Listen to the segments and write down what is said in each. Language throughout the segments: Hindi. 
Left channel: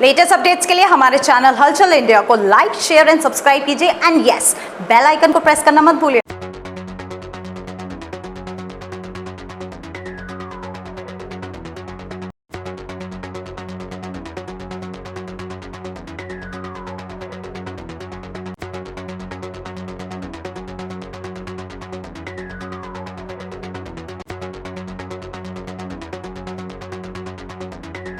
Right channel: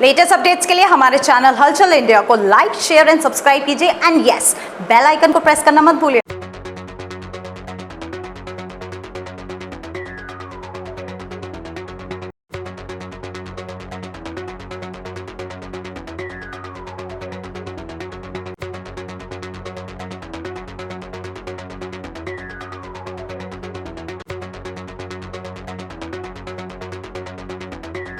लेटेस्ट अपडेट्स के लिए हमारे चैनल हलचल इंडिया को लाइक, शेयर एंड सब्सक्राइब कीजिए एंड यस, बेल आइकन को प्रेस करना मत भूलिए।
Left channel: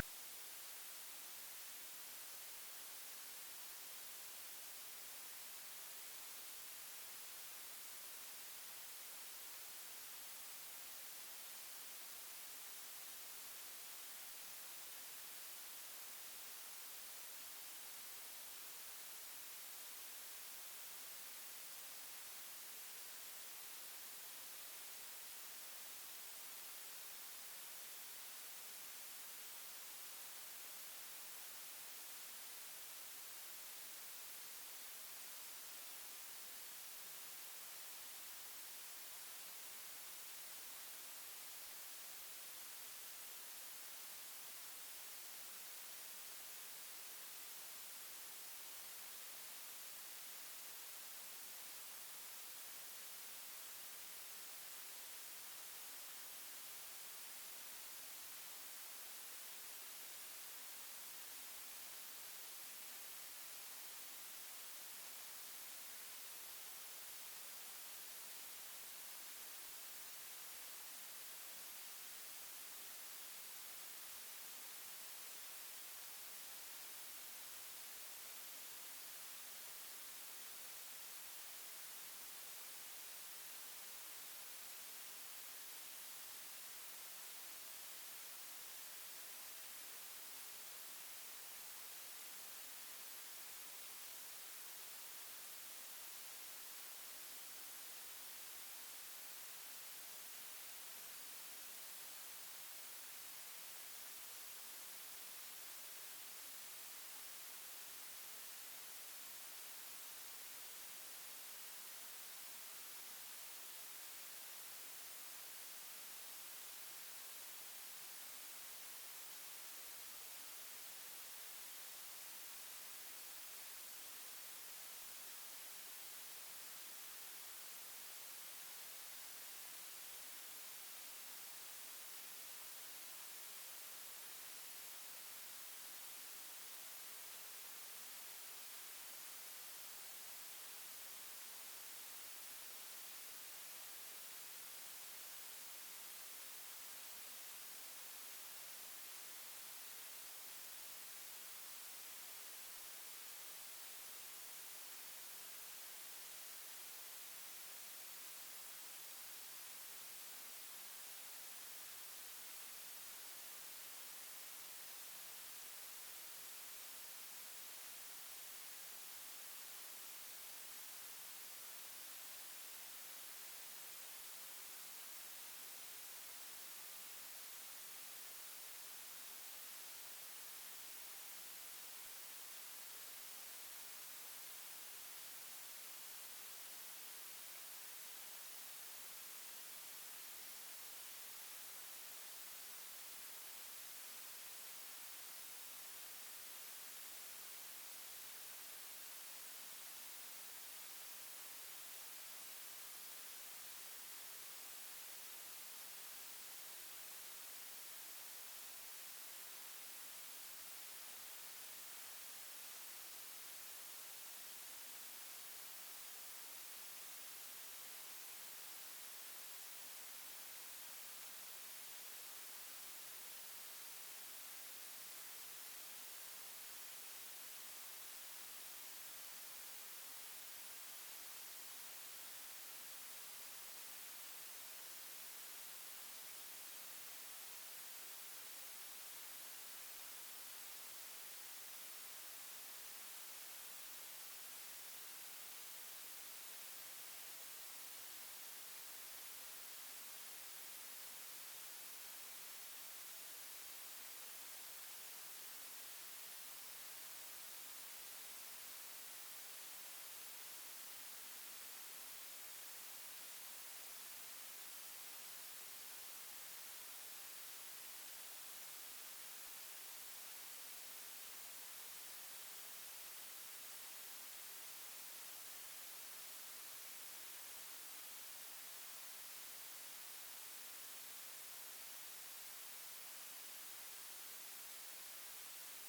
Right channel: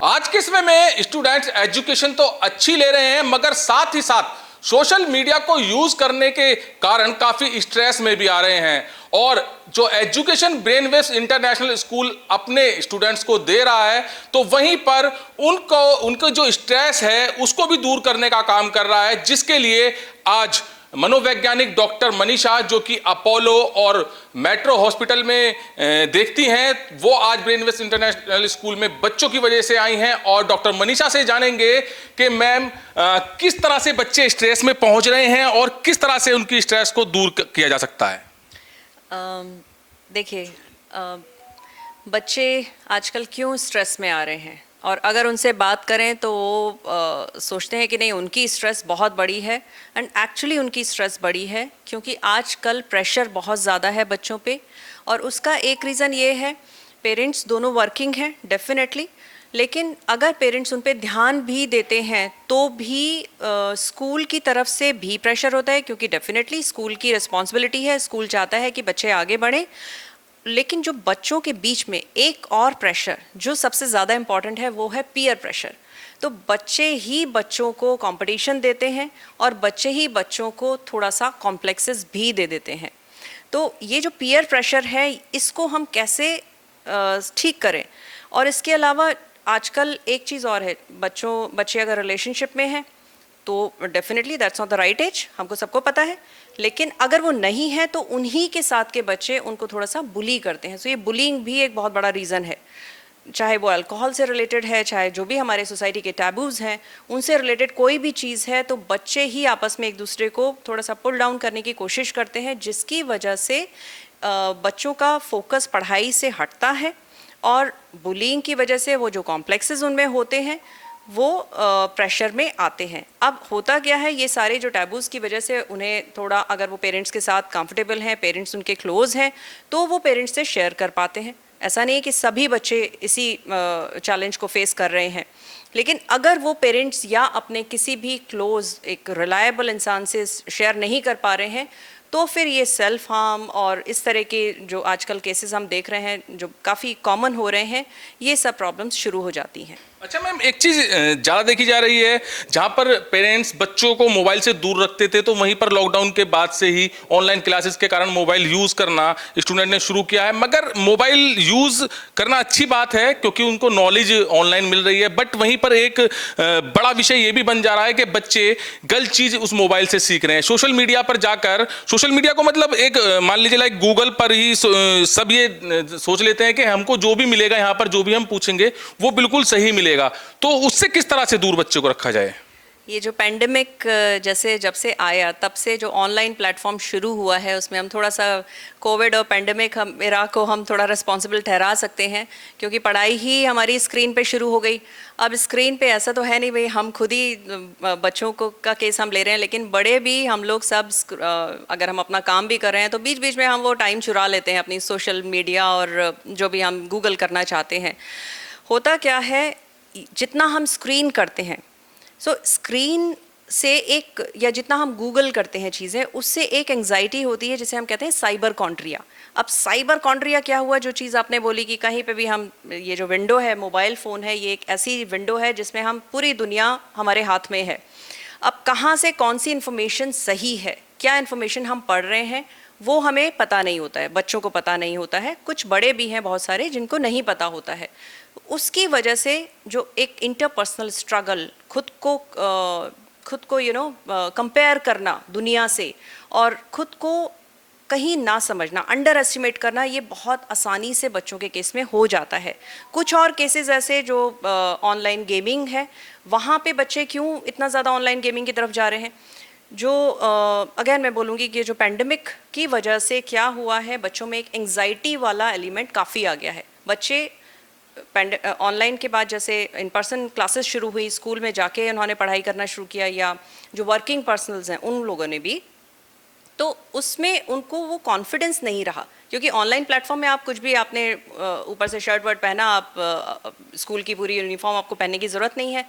आज के समय में स्टूडेंट्स एजुकेशन तो अच्छी ले रहे हैं, मगर साथ ही साथ सोशल मीडिया को यूज करने के कारण काफी स्ट्रेस में भी आ रहे हैं। और जो एजुकेशन ब्रेनवेव्स इंटरनेशनल स्कूल अपने स्टूडेंट्स को दे रहा है, तो वहीं पर उनको जो स्ट्रेस है उसको भी दूर करने का काम कर रहा है, जिसके लिए आज मनोवैज्ञानिक डॉक्टर मनीषा, जो कि अपोलो और मेट्रो हॉस्पिटल में देखती हैं, वो आज ब्रेनवेव्स इंटरनेशनल स्कूल में बच्चों की वजह से आई हैं। और डॉक्टर मनीषा से जानेंगे कि मैम किस तरह से बच्चे स्ट्रेस में पहुंच रहे हैं और किस तरह से उनकी स्ट्रेस को दूर किया जा सकता है। देखिए, बच्चे आजकल क्यों स्ट्रेस में आ रहे हैं, और अगर उनसे बात करें तो वो सोचते हैं कि नहीं, उनकी स्ट्रेस बहुत बड़ी है। एंड एक्चुअली उनकी स्ट्रेस बड़ी है क्योंकि आजकल प्रेशर बहुत ज़्यादा है बच्चों पे। और उसका एक रीज़न ये है, पेरेंट्स दोनों वर्किंग हैं डेफिनेटली, लेकिन अगर पेरेंट्स उन पे ध्यान भी देते हैं तो भी स्कूल की तरफ से भी प्रेशर होता है, क्योंकि डेफिनेटली स्कूल की रिस्पॉन्सिबिलिटी है, स्कूल चाहता है कि बच्चे आगे बढ़ें। लेकिन जो बच्चों के बीच में एक और प्रेशर जो सबसे ज़्यादा इम्पॉर्टेंट है, वो है पीयर प्रेशर। तो बच्चे ही बच्चों को कंपटीशन देते हैं और बच्चे ही बच्चों को थोड़ा सा कॉम्प्लेक्सेस भी दे देते हैं। तो ये जो पीयर प्रेशर है, इसको हम कैसे ठीक करें। और इसके अलावा आजकल एक चीज़ और है, बच्चे अगर रिलेशनशिप में हैं तो definitely that's not the right age, हमको सबको पता है। लेकिन अगर वो नहीं है तो उन्हीं के साथ के बच्चे उनको थोड़ा सा बुली करते हैं। तो ये बुलिंग भी एक बहुत बड़ा रीज़न है, चाहे वो अल्कोहल से रिलेटेड है, चाहे जो भी हमारे सोसाइटी के टैबूज़ हैं उनसे रिलेटेड कोई भी चीज़ है, तो बच्चे ही आपस में एक दूसरे को थोड़ा सा पुल डाउन करने की कोशिश करते हैं, जिसकी वजह से बच्चों का फोकस पढ़ाई से हटता है। और बुलिंग की वजह से वो जो कॉम्प्लेक्सेस उनमें होते हैं वो प्रेशर में आते हैं। अब होता क्या है, ये सारे जो टैबूज़ की वजह से उन्हें थोड़ा, अगर वो पेरेंट्स के साथ कंफर्टेबल हैं, पेरेंट्स उनके क्लोज हैं, तो वो पेरेंट्स से शेयर कर पाते हैं। ऐसा नहीं है कि सभी बच्चे इसी चैलेंज को फेस कर रहे हैं, लेकिन अगर वो पेरेंट्स या अपने किसी भी क्लोज एक रिलायबल इंसान से शेयर नहीं कर पा रहे हैं, तो फिर ये सेल्फ हार्म और इस तरह के जो आजकल केसेस हम देख रहे हैं, जो काफ़ी कॉमन हो रहे हैं, ये सब प्रॉब्लम्स शुरू हो जाती हैं। अच्छा मैम, एक चीज ज्यादा देखी जा रही है, जहां पर पेरेंट्स बच्चों को मोबाइल से दूर रखते थे, तो वहीं पर लॉकडाउन के बाद से ही ऑनलाइन क्लासेस के कारण मोबाइल यूज करना स्टूडेंट ने शुरू किया है। मगर मोबाइल यूज करना अच्छी बात है क्योंकि उनको नॉलेज ऑनलाइन मिल रही है, बट वहीं पर एक बड़ा विषय ये भी बन जा रहा है कि बच्चे गलत चीज उस मोबाइल से सीख रहे हैं। सोशल मीडिया पर जाकर, सोशल मीडिया को मतलब एक मान लीजिए लाइक गूगल पर ही सब ये सोच लेते हैं कि हमको जो भी मिलेगा, यहाँ पर जो भी हम पूछेंगे वो बिल्कुल सही मिलेगा। तो उससे किस तरह से दूर बच्चों को रखा जाए? ये जो पेंडेमिक जैसे जब से आया, तब से जो ऑनलाइन प्लेटफॉर्म शुरू हुआ है, उसमें हम थोड़ा सा कोविड और पेंडेमिक एरा को हम थोड़ा रिस्पॉन्सिबल ठहरा सकते हैं, क्योंकि पढ़ाई ही हमारी स्क्रीन पे शुरू हो गई। अब स्क्रीन पे ऐसा तो है नहीं भाई, हम खुद ही बच्चों को का केस हम ले रहे हैं, लेकिन बड़े भी हम लोग सब अगर हम अपना काम भी कर रहे हैं तो बीच बीच में हम वो टाइम चुरा लेते हैं अपनी सोशल मीडिया और जो भी हम गूगल करना चाहते हैं। होता क्या है, जितना हम स्क्रीन करते हैं, स्क्रीन से एक, या जितना हम गूगल करते हैं चीज़ें, उससे एक एंग्जाइटी होती है जिसे हम कहते हैं साइबर कॉन्ट्रिया। अब साइबर कॉन्ट्रिया क्या हुआ, जो चीज़ आपने बोली कि कहीं पे भी हम, ये जो विंडो है, मोबाइल फ़ोन है, ये एक ऐसी विंडो है जिसमें हम पूरी दुनिया हमारे हाथ में है। अब कहाँ से कौन सी इन्फॉर्मेशन सही है, क्या इन्फॉर्मेशन हम पढ़ रहे हैं, वो हमें पता नहीं होता है, बच्चों को पता नहीं होता है, कुछ बड़े भी हैं बहुत सारे जिनको नहीं पता होता है। उसकी वजह से जो एक इंटरपर्सनल स्ट्रगल, खुद को कंपेयर करना दुनिया से, और खुद को कहीं ना समझना, अंडर एस्टिमेट करना, ये बहुत आसानी से बच्चों के केस में हो जाता है। कुछ और केसेस ऐसे जो ऑनलाइन गेमिंग है, वहाँ पे बच्चे क्यों इतना ज़्यादा ऑनलाइन गेमिंग की तरफ जा रहे हैं, जो अगेन मैं बोलूँगी कि जो पेंडेमिक की वजह से क्या हुआ है, बच्चों में एक एंग्जाइटी वाला एलिमेंट काफ़ी आ गया है। बच्चे ऑनलाइन के बाद जैसे इन पर्सन क्लासेस शुरू हुई, स्कूल में जाके उन्होंने पढ़ाई करना शुरू किया, या जो वर्किंग पर्सनल्स हैं उन लोगों ने भी, तो उसमें उनको वो कॉन्फिडेंस नहीं रहा, क्योंकि ऑनलाइन प्लेटफॉर्म में आप कुछ भी, आपने ऊपर से शर्ट वर्ट पहना, आप स्कूल की पूरी यूनिफॉर्म आपको पहनने की ज़रूरत नहीं है,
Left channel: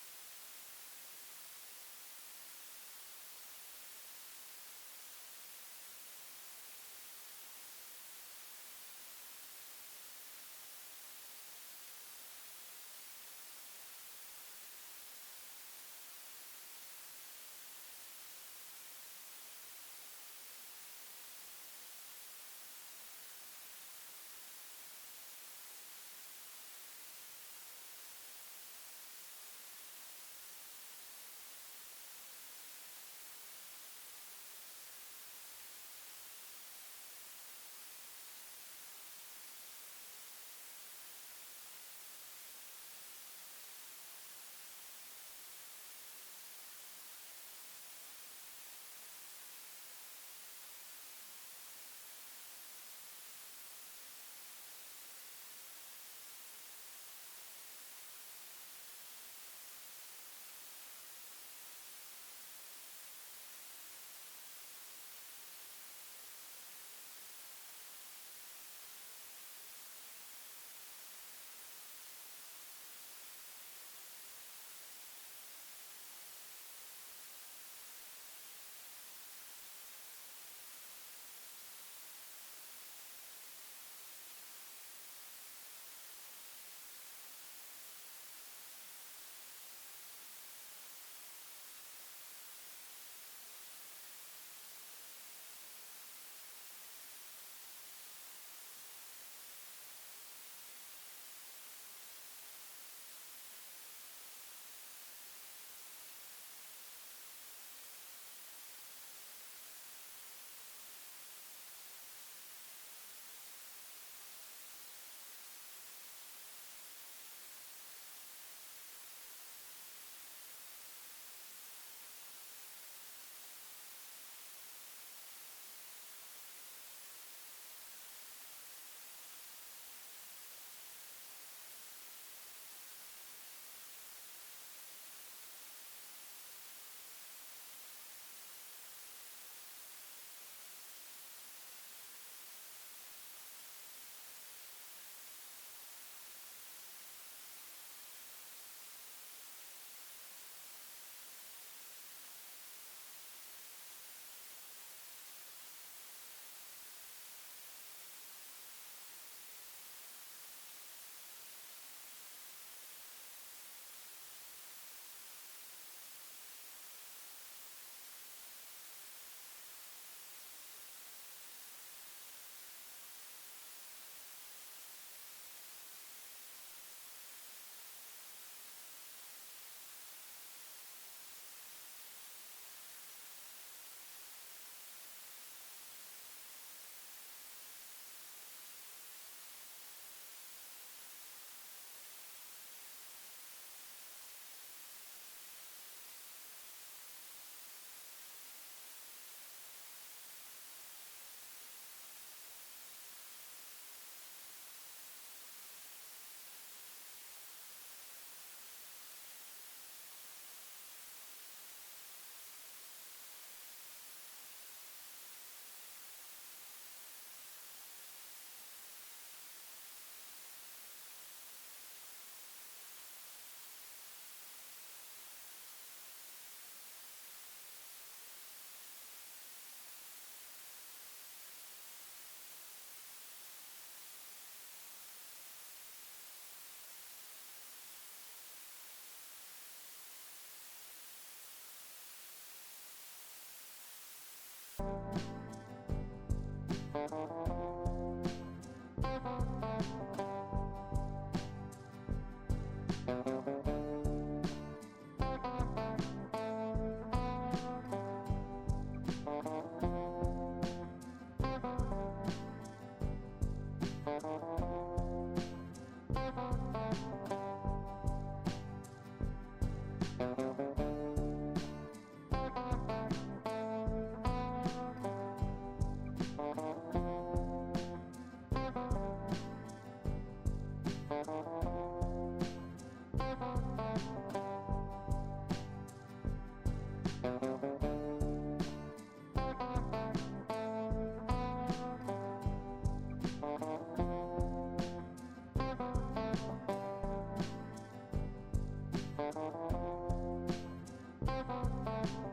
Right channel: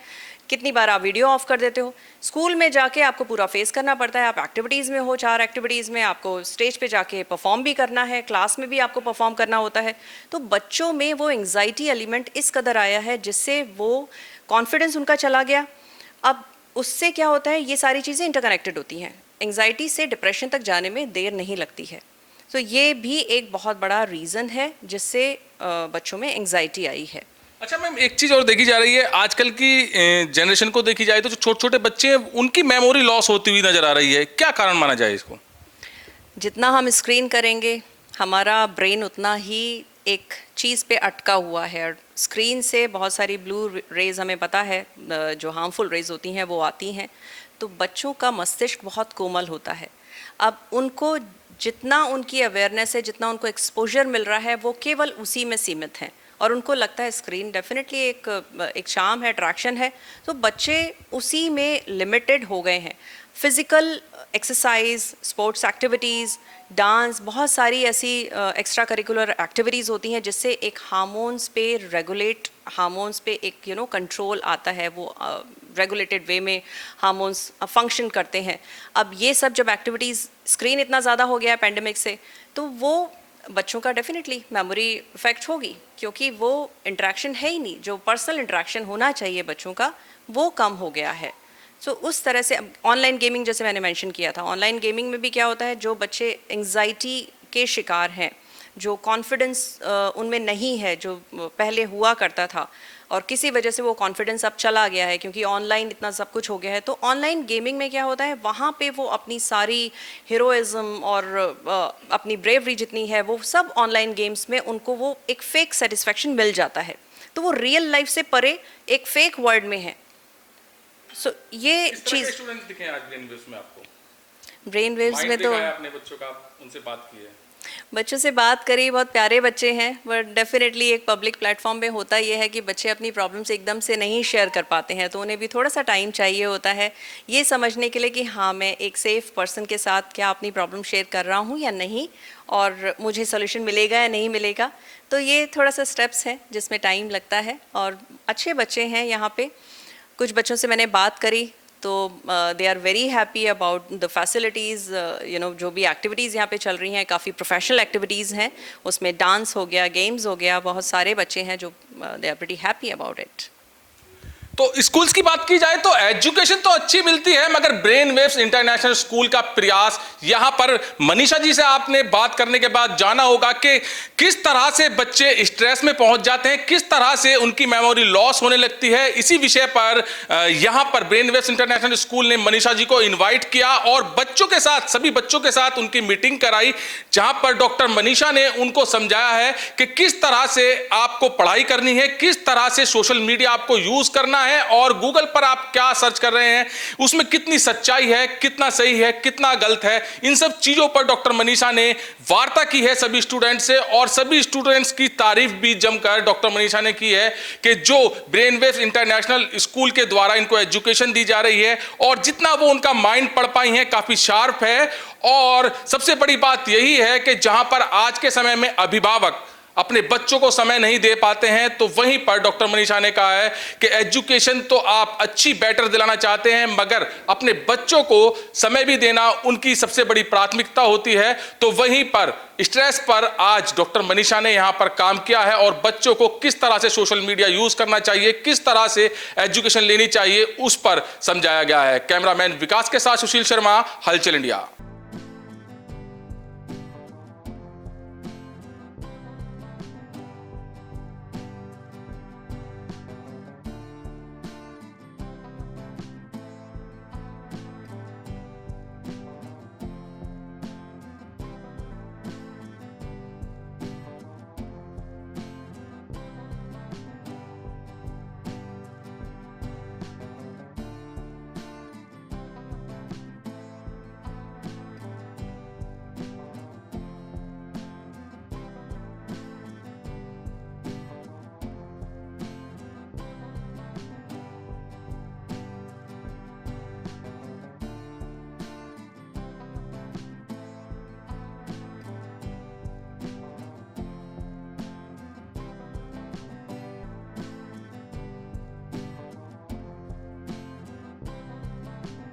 कितनी बार आप वीडियो ऑफ कर देते हो। स्कूल में जाके आपको पूरा फेस करना पड़ता है, आप एक्टिविटीज़ में हो, 4 एक्टिविटीज़ में आपको स्टेज पे जाके परफॉर्म भी करना है, क्लास में भी आपको परफॉर्म करना होता है। तो बच्चों में वो एंग्जाइटी एलिमेंट इस कदर आया है जिससे वो कॉन्फिडेंस उनका चला गया। अब उससे क्या होता है, ये सारी चीज़ें इंटरकनेक्टेड होती हैं, एंग्जाइटी से डिप्रेशन तक जाने में देर नहीं लगती है। तो ये भी एक बहुत बड़ा रीज़न है जिससे बच्चों में एंग्जाइटी आई है। अच्छा मैम, एक चीज और देखी जा रही है, आजकल की जनरेशन को देखी जाए तो जो छोटे छोटे बच्चे हैं उनकी मेमोरी लॉस होती हुई नजर आ रही है, क्या कारण माना जाए इसको? जितना हम स्क्रीन करेंगे हमारा ब्रेन उतना ही एक चीज़ पे अटका हुआ है, और स्क्रीन से बहुत सारी ब्लू रेज हमें पता है जो हार्मफुल रेज होती हैं वो आती हैं। तो बच्चों का मस्तिष्क बहुत कोमल होता है। अब उनको जितना उनकी अवेयरनेस है, जितना उनको एक्सपोजर मिल रहा है, वो केवल उसी में सीमित हैं, और उनको लगता है स्क्रीन डेफिनेटली एक शाम है, अट्रैक्शन है, तो बच्चे उसी में लिमिटेड हो गए हैं। Physical exercise, sports activities, dance, बहुत सारी ऐसी एक्स्ट्रा करिकुलर एक्टिविटीज़ होती हैं जिससे एक हार्मोन्स पे रेगुलेट, हार्मोन्स पे एक कंट्रोल आता है, वो रेगुलेटेड वे में हार्मोन्स फंक्शन करते हैं। अब ये सब जब एक्टिविटीज़, स्क्रीन इतना ज़्यादा हो गया है पैंडेमिक से, तो वो बच्चों का डेफिनेटली मेमोरी इफेक्ट होगी, क्योंकि वो इंटरेक्शन है ही नहीं, जो पर्सनल इंटरेक्शन होना चाहिए बच्चों का वो कम हो गया है। सो उस तरह से ऑनलाइन गेमिंग, जैसे मैंने मेंशन किया था, ऑनलाइन गेमिंग में भी क्या होता है, जो बच्चे एंग्जाइटी के शिकार हैं, जो कॉन्फिडेंस उनमें नहीं है जो पहले हुआ करता था, और किसी वजह से वो कॉन्फिडेंस अब चला गया है क्योंकि ऑनलाइन इतना सब कुछ हो गया है, तो ऑनलाइन गेमिंग में क्या होता है, वहाँ पे वो अपनी सारी हीरोइज्म और अपनी ब्रेवरी जितनी है वो सब ऑनलाइन गेम्स में उनको वो एक फेक सेटिस्फेक्शन मिल जाता है, तो वो रियल लाइफ से परे एक फेक वर्ल्ड में है। सो ये चीज़ स्टूडेंट दिखे आज ब्रेन वेव्स में आपको? ब्रेन वेव्स में तो अपने बच्चों का उनसे बात की है? बच्चों से बात करी, बहुत प्यारे बच्चे हैं, बट डेफिनेटली एक पब्लिक प्लेटफॉर्म पे होता ये है कि बच्चे अपनी प्रॉब्लम्स एकदम से नहीं शेयर कर पाते हैं, तो उन्हें भी थोड़ा सा टाइम चाहिए होता है ये समझने के लिए कि हाँ, मैं एक सेफ पर्सन के साथ क्या अपनी प्रॉब्लम शेयर कर रहा हूँ या नहीं, और मुझे सोल्यूशन मिलेगा या नहीं मिलेगा। तो ये थोड़ा सा स्टेप्स हैं जिसमें टाइम लगता है, और अच्छे बच्चे हैं यहाँ पे। कुछ बच्चों से मैंने बात करी तो they are very happy about the facilities, जो भी एक्टिविटीज़ यहाँ पे चल रही हैं, काफ़ी प्रोफेशनल एक्टिविटीज़ हैं, उसमें डांस हो गया, गेम्स हो गया, बहुत सारे बच्चे हैं जो they are pretty happy about it. तो स्कूल्स की बात की जाए तो एजुकेशन तो अच्छी मिलती है, मगर ब्रेन वेव्स इंटरनेशनल स्कूल का प्रयास, यहां पर मनीषा जी से आपने बात करने के बाद जाना होगा कि किस तरह से बच्चे स्ट्रेस में पहुंच जाते हैं, किस तरह से उनकी मेमोरी लॉस होने लगती है। इसी विषय पर यहां पर ब्रेन वेव्स इंटरनेशनल स्कूल ने मनीषा जी को इन्वाइट किया और बच्चों के साथ, सभी बच्चों के साथ उनकी मीटिंग कराई, जहां पर डॉक्टर मनीषा ने उनको समझाया है कि किस तरह से आपको पढ़ाई करनी है, किस तरह से सोशल मीडिया आपको यूज करना है, और गूगल पर आप क्या सर्च कर रहे हैं उसमें कितनी सच्चाई है, कितना सही है, कितना गलत है। इन सब चीजों पर डॉक्टर मनीषा ने वार्ता की है सभी स्टूडेंट्स से, और सभी स्टूडेंट्स की तारीफ भी जमकर डॉक्टर मनीषा ने की है कि जो ब्रेन वेव्स इंटरनेशनल स्कूल के द्वारा इनको एजुकेशन दी जा रही है, और जितना वो उनका माइंड पढ़ पाई हैं काफी शार्प है। और सबसे बड़ी बात यही है कि जहां पर आज के समय में अभिभावक अपने बच्चों को समय नहीं दे पाते हैं, तो वहीं पर डॉक्टर मनीषा ने कहा है कि एजुकेशन तो आप अच्छी बेटर दिलाना चाहते हैं, मगर अपने बच्चों को समय भी देना उनकी सबसे बड़ी प्राथमिकता होती है। तो वहीं पर स्ट्रेस पर आज डॉक्टर मनीषा ने यहां पर काम किया है, और बच्चों को किस तरह से सोशल मीडिया यूज करना चाहिए, किस तरह से एजुकेशन लेनी चाहिए, उस पर समझाया गया है। कैमरामैन विकास के साथ सुशील शर्मा, हलचल इंडिया।